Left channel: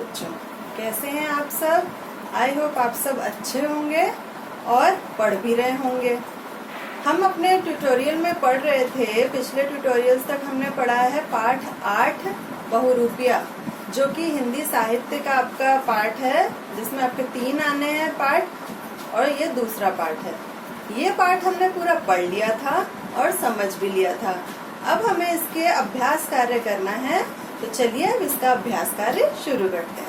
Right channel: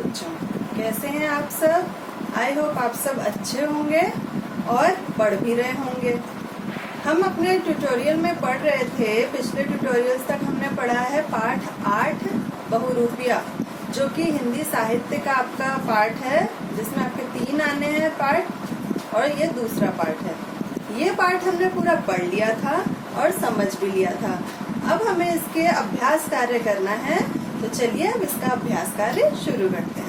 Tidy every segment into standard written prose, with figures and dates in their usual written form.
बच्चों, कैसे हैं आप सब? आई होप आप सब अच्छे होंगे और पढ़ भी रहे होंगे। हम अपने ट्यूटोरियल में पढ़ रहे थे, पिछले ट्यूटोरियल्स तक हमने पढ़ा है पाठ 8 बहुरूपिया, जो कि हिंदी साहित्य का आपका पाठ है, जिसमें आपके 3 आने हैं पाठ और ये दूसरा पाठ है। ये पाठ हमने पूरा पढ़ लिया था और समझ भी लिया था। अब हमें इसके अभ्यास कार्य करना है, तो चलिए अब इसका अभ्यास कार्य शुरू करते हैं।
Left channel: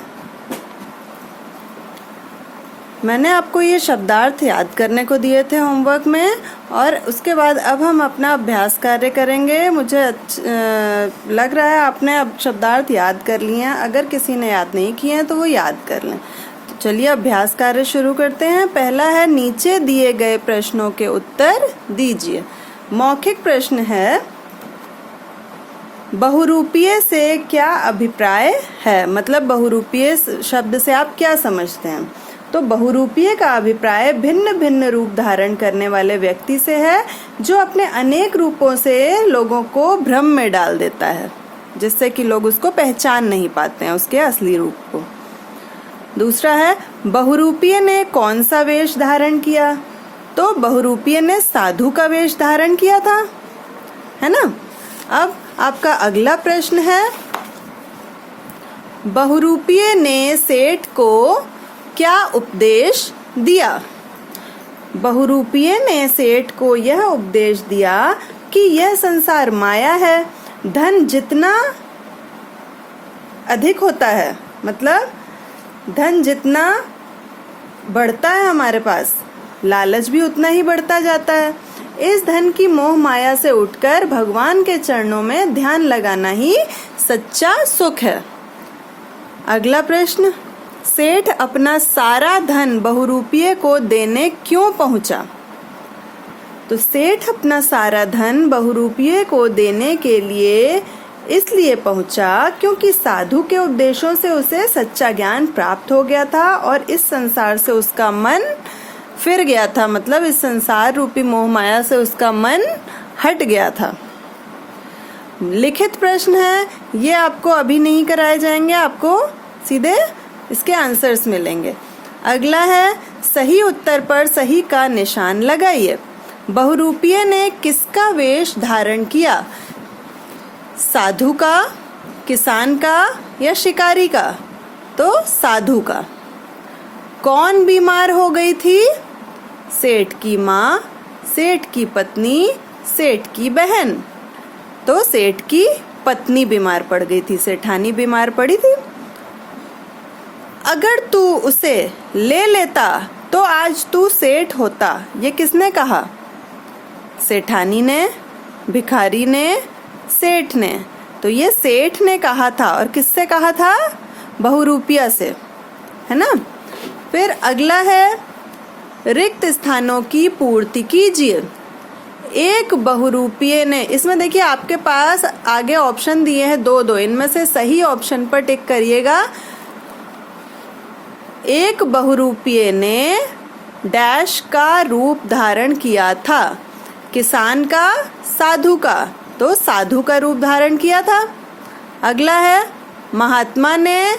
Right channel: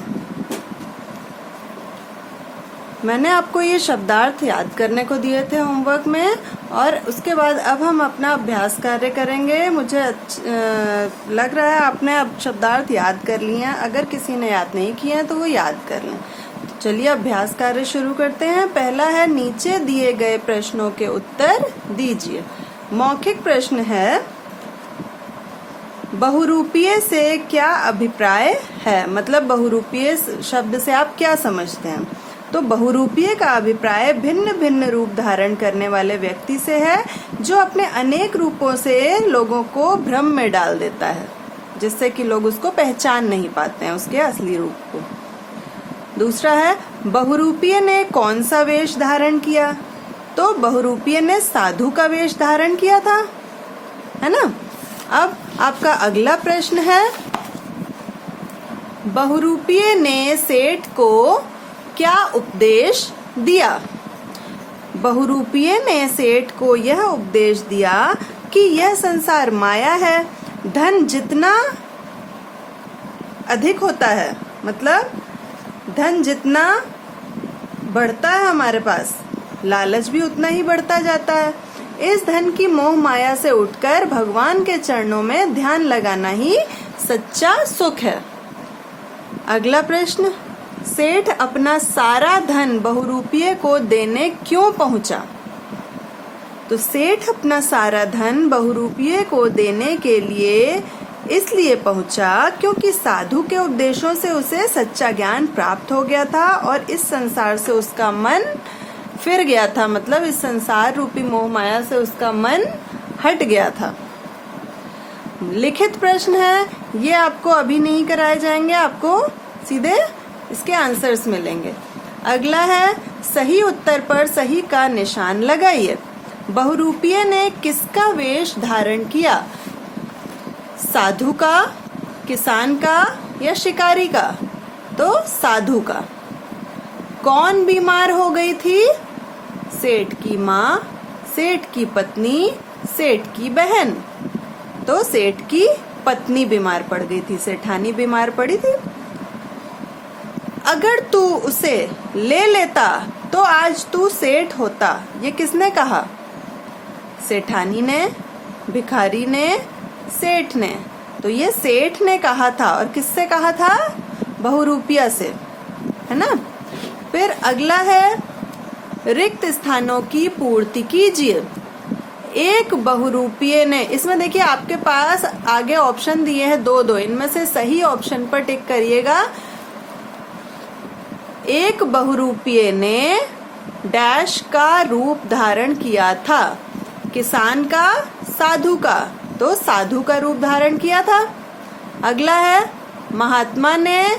मैंने आपको ये शब्दार्थ याद करने को दिए थे होमवर्क में, और उसके बाद अब हम अपना अभ्यास कार्य करेंगे। मुझे लग रहा है आपने अब शब्दार्थ याद कर लिए हैं। अगर किसी ने याद नहीं किए हैं तो वो याद कर लें। तो चलिए अभ्यास कार्य शुरू करते हैं। पहला है, नीचे दिए गए प्रश्नों के उत्तर दीजिए। मौखिक प्रश्न है, बहुरूपीय से क्या अभिप्राय है? मतलब बहुरूपीय शब्द से आप क्या समझते हैं? तो बहुरूपीय का अभिप्राय भिन्न भिन्न रूप धारण करने वाले व्यक्ति से है, जो अपने अनेक रूपों से लोगों को भ्रम में डाल देता है, जिससे कि लोग उसको पहचान नहीं पाते हैं, उसके असली रूप को। दूसरा है, बहुरूपीय ने कौन सा वेश धारण किया? तो बहुरूपीय ने साधु का वेश धारण किया था, है ना। अब आपका अगला प्रश्न है, बहुरूपीय ने सेठ को क्या उपदेश दिया? बहुरूपीय ने सेठ को यह उपदेश दिया कि यह संसार माया है। धन जितना अधिक होता है, मतलब धन जितना बढ़ता है हमारे पास, लालच भी उतना ही बढ़ता जाता है। इस धन की मोह माया से उठकर भगवान के चरणों में ध्यान लगाना ही सच्चा सुख है। अगला प्रश्न, सेठ अपना सारा धन बहुरूपीय को देने क्यों पहुंचा? तो सेठ अपना सारा धन बहुरूपीय को देने के लिए इसलिए पहुंचा क्योंकि साधु के उपदेशों से उसे सच्चा ज्ञान प्राप्त हो गया था और इस संसार से उसका मन फिर गया था। मतलब इस संसार रूपी मोह माया से उसका मन हट गया था। लिखित प्रश्न है, ये आपको अभी नहीं कराए जाएंगे, आपको सीधे इसके आंसर्स मिलेंगे। अगला है, सही उत्तर पर सही का निशान लगाइए। बहुरूपीय ने किसका वेश धारण किया? साधु का, किसान का या शिकारी का? तो साधु का। कौन बीमार हो गई थी? सेठ की माँ, सेठ की पत्नी, सेठ की बहन। तो सेठ की पत्नी बीमार पड़ गई थी, सेठानी बीमार पड़ी थी। अगर तू उसे ले लेता तो आज तू सेठ होता, ये किसने कहा? सेठानी ने, भिखारी ने, सेठ ने। तो ये सेठ ने कहा था, और किससे कहा था? बहुरूपिया से, है ना। फिर अगला है, रिक्त स्थानों की पूर्ति कीजिए। एक बहुरूपीय ने, इसमें देखिए आपके पास आगे ऑप्शन दिए हैं दो, इनमें से सही ऑप्शन पर टिक करिएगा। एक बहुरूपीय ने डैश का रूप धारण किया था, किसान का, साधु का। तो साधु का रूप धारण किया था। अगला है, महात्मा ने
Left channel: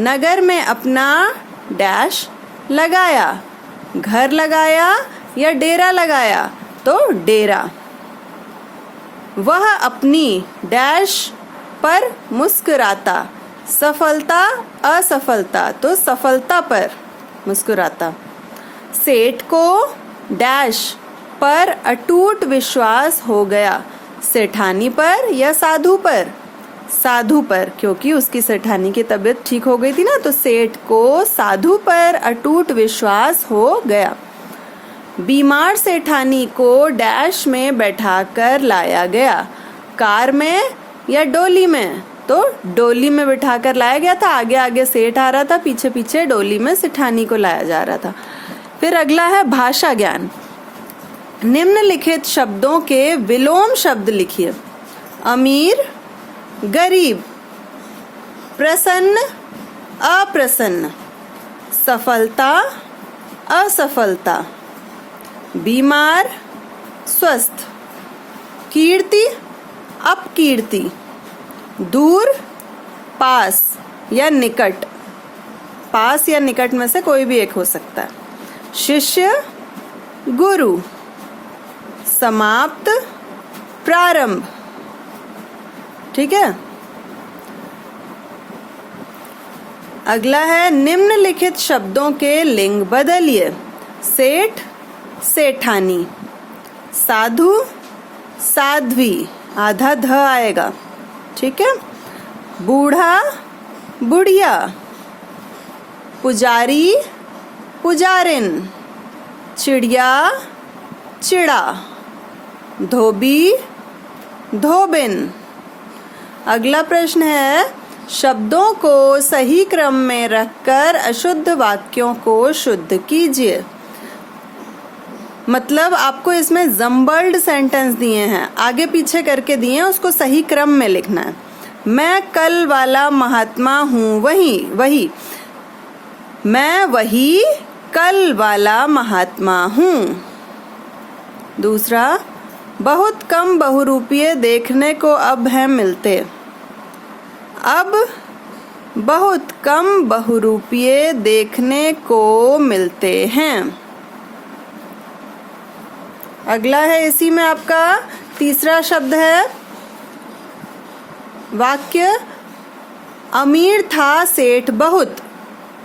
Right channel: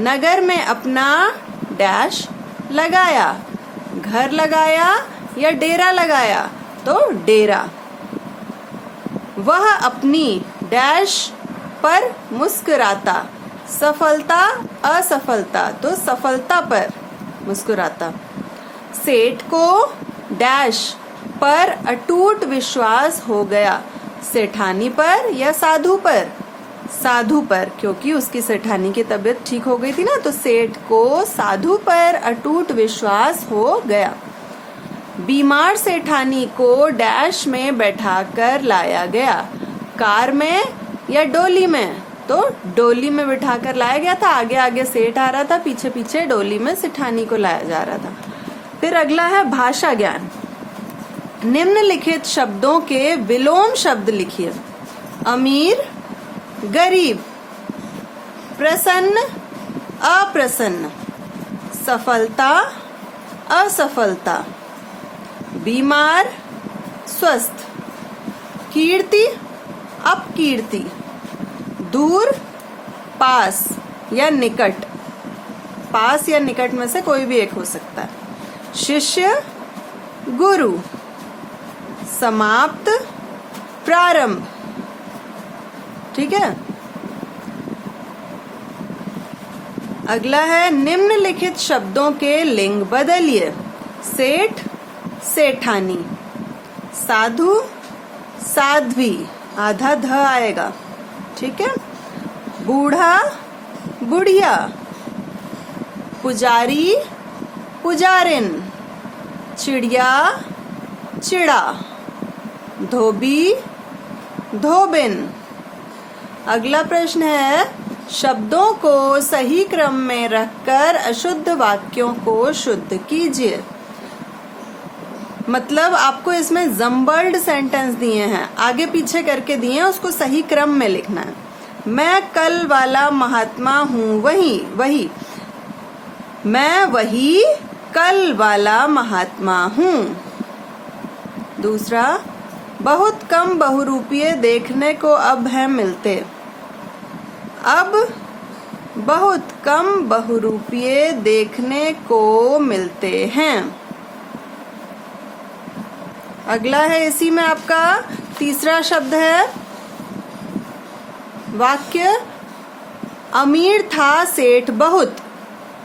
नगर में अपना डैश लगाया, घर लगाया या डेरा लगाया? तो डेरा। वह अपनी डैश पर मुस्कुराता, सफलता असफलता? तो सफलता पर मुस्कुराता। सेठ को डैश पर अटूट विश्वास हो गया, सेठानी पर या साधु पर? साधु पर, क्योंकि उसकी सेठानी की तबीयत ठीक हो गई थी ना। तो सेठ को साधु पर अटूट विश्वास हो गया। बीमार सेठानी को डैश में बैठाकर लाया गया, कार में या डोली में? तो डोली में बिठाकर लाया गया था। आगे आगे सेठ आ रहा था, पीछे पीछे डोली में सेठानी को लाया जा रहा था। फिर अगला है, भाषा ज्ञान। निम्नलिखित शब्दों के विलोम शब्द लिखिए। अमीर, गरीब, प्रसन्न, अप्रसन्न, सफलता, असफलता, बीमार, स्वस्थ, कीर्ति, अपकीर्ति, दूर, पास या निकट। पास या निकट में से कोई भी एक हो सकता है। शिष्य, गुरु, समाप्त, प्रारंभ। ठीक है। अगला है निम्नलिखित शब्दों के लिंग बदलिए। सेठ, सेठानी, साधु, साध्वी, आधा ध आएगा। ठीक है। बूढ़ा, बुढ़िया, पुजारी, पुजारिन, चिड़िया, चिड़ा, धोबी, धोबिन। अगला प्रश्न है शब्दों को सही क्रम में रखकर अशुद्ध वाक्यों को शुद्ध कीजिए। मतलब आपको इसमें जम्बल्ड सेंटेंस दिए हैं, आगे पीछे करके दिए हैं, उसको सही क्रम में लिखना है। मैं कल वाला महात्मा हूँ, वही। मैं वही कल वाला महात्मा हूँ। दूसरा, बहुत कम बहुरूपीय देखने को अब है मिलते। अब बहुत कम बहुरूपीय देखने को मिलते हैं। अगला है इसी में आपका तीसरा शब्द है वाक्य अमीर था सेठ बहुत।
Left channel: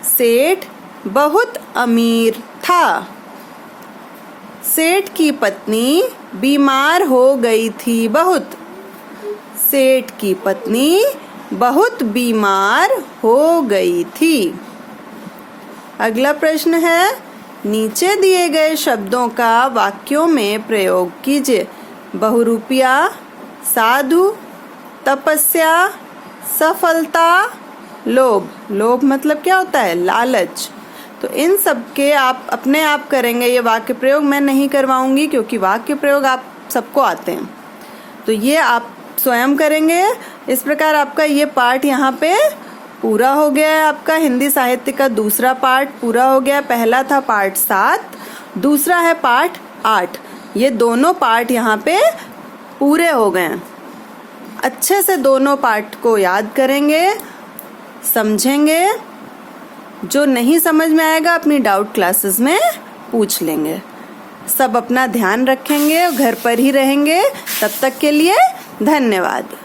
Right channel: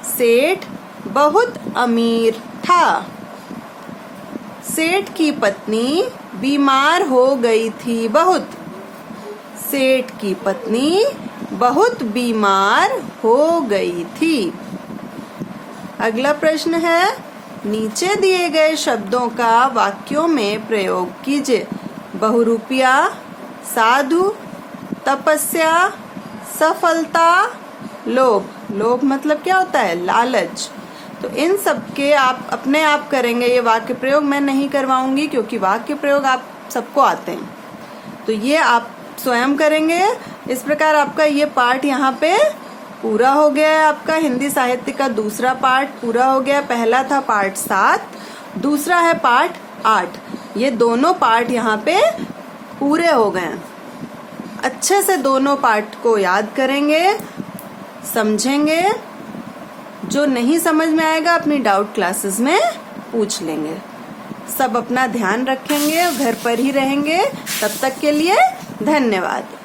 सेठ बहुत अमीर था। सेठ की पत्नी बीमार हो गई थी बहुत। सेठ की पत्नी बहुत बीमार हो गई थी। अगला प्रश्न है नीचे दिए गए शब्दों का वाक्यों में प्रयोग कीजिए। बहुरूपिया, साधु, तपस्या, सफलता, लोभ। लोभ मतलब क्या होता है? लालच। तो इन सब के आप अपने आप करेंगे ये वाक्य प्रयोग, मैं नहीं करवाऊंगी क्योंकि वाक्य प्रयोग आप सबको आते हैं, तो ये आप स्वयं करेंगे। इस प्रकार आपका ये पाठ यहाँ पे पूरा हो गया है। आपका हिंदी साहित्य का दूसरा पाठ पूरा हो गया। पहला था पाठ 7, दूसरा है पाठ 8। ये दोनों पाठ यहाँ पे पूरे हो गए। अच्छे से दोनों पाठ को याद करेंगे, समझेंगे। जो नहीं समझ में आएगा अपनी डाउट क्लासेस में पूछ लेंगे। सब अपना ध्यान रखेंगे, घर पर ही रहेंगे। तब तक के लिए धन्यवाद।